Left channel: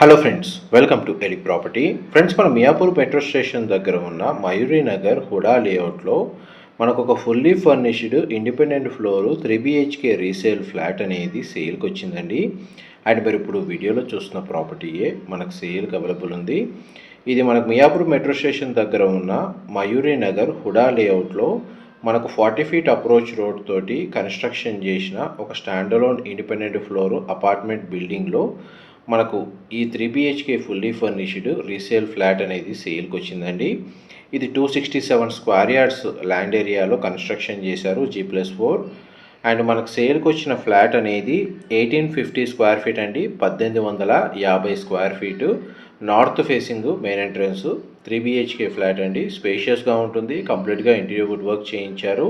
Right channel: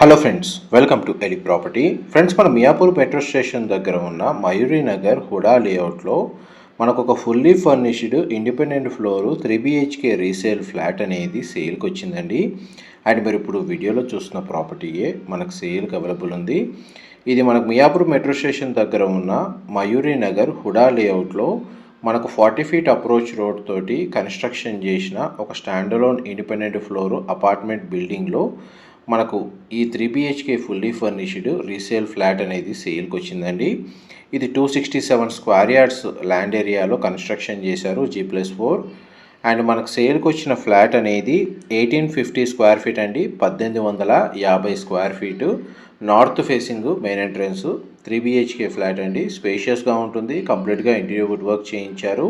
Hello friends, welcome to Eli property. Friends, మన Miyapur metro station దగ్గర ఉన్న మయూరి నగర్ హుడా లేఅవుట్లో మనకు ఒక fully furnished independent floor 3 BHK resale flat అనేది సేల్కి వచ్చిందండి. అండ్ మీరు ఇప్పుడు వీడియోలో చూస్తున్న ప్రాపర్టీయే మనకు సేల్కి అవైలబుల్ ఉంది. ఇది మనకు మియాపూర్ మెట్రో స్టేషన్ దగ్గర ఉన్న మయూరి నగర్ హుడా లేఅవుట్లో మనకు 40 ఫీట్ అప్రోచ్ రోడ్ తోటి కన్స్ట్రక్షన్ చేసిన ఒక స్టాండలోన్ ఇండిపెండెంట్ ఫ్లోరు అపార్ట్మెంట్ బిల్డింగ్లో మనకు ఈ 3 BHK fully furnished resale flat అనేది సేల్కి వచ్చిందండి. ఇది 267 స్క్వేర్ యార్డ్స్ ల్యాండ్ ఏరియాలో కన్స్ట్రక్షన్ చేశారు, G+4. అండ్ మనకు సేల్కి వచ్చిన ఫ్లాట్ అనేది 1850 స్క్వేర్ ఫీట్ అండి, 1850 square feet. North facing main entrance, 3 BHK flat అండి. స్పేషియస్గా ఉంటుంది, కంప్లీట్గా ఇంటీరియర్ వుడ్ వర్క్ చేయించారు.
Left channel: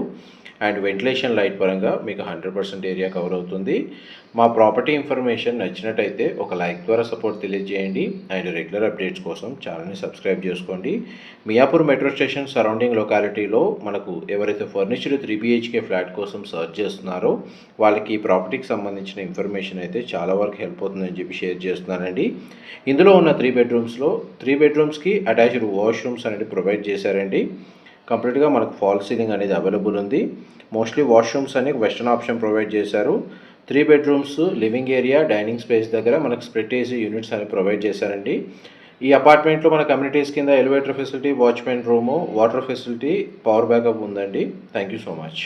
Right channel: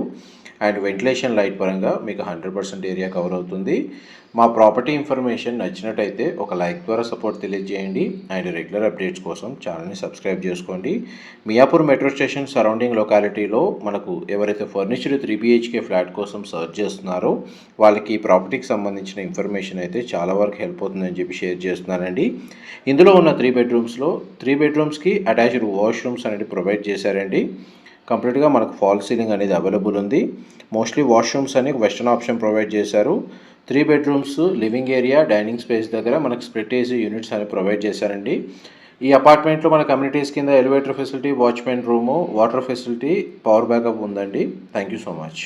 అండ్ వెంటిలేషన్ లైట్ పరంగా మీకు 100% ఏరియా కవర్ అవుతుంది. మా ప్రాపర్టీ ఇన్ఫర్మేషన్ నచ్చినట్టయితే ఒక లైక్ ద్వారా సపోర్ట్ తెలియజేయండి. అండ్ రెగ్యులర్ అప్డేట్స్ కోసం ఛానల్ని సబ్స్క్రైబ్ చేసుకోండి. మియాపూర్ మెట్రో స్టేషన్ సరౌండింగ్ లొకాలిటీలో మనకు ఎవరైతే ఫర్నిచర్ 3 BHK ఫ్లాట్ కోసం సర్చ్ చేస్తున్నారో వాళ్ళకి ఈ ప్రాపర్టీకి సంబంధించిన ఇన్ఫర్మేషన్ అయితే చాలా వరకు హెల్ప్ అవుతుందని చెప్పి షేర్ చేస్తున్నానండి. ఇందులో ఉన్న 3 బెడ్రూమ్స్లో 3 బెడ్రూమ్స్కి అటాచ్డ్ వాష్రూమ్స్ అనేది ప్రొవైడ్ చేశారండి. కంప్లీట్గా మనకు ఫాల్ సీలింగ్ అనేది అవైలబుల్ ఉంది. మోస్ట్లీ వాష్రూమ్స్ అని వెస్టర్న్ ఆప్షన్ ప్రొవైడ్ చేశారు. 3 bedrooms, living area, dining space దగ్గర మనకు స్ప్లిట్ ఏసీ యూనిట్స్ అని ప్రొవైడ్ చేశారండి. ఈ అపార్ట్మెంట్లో మన కమ్యూనిటీస్ కింద elevator facility, watchman room, water facility, power backup ఉందండి. Thank you so much.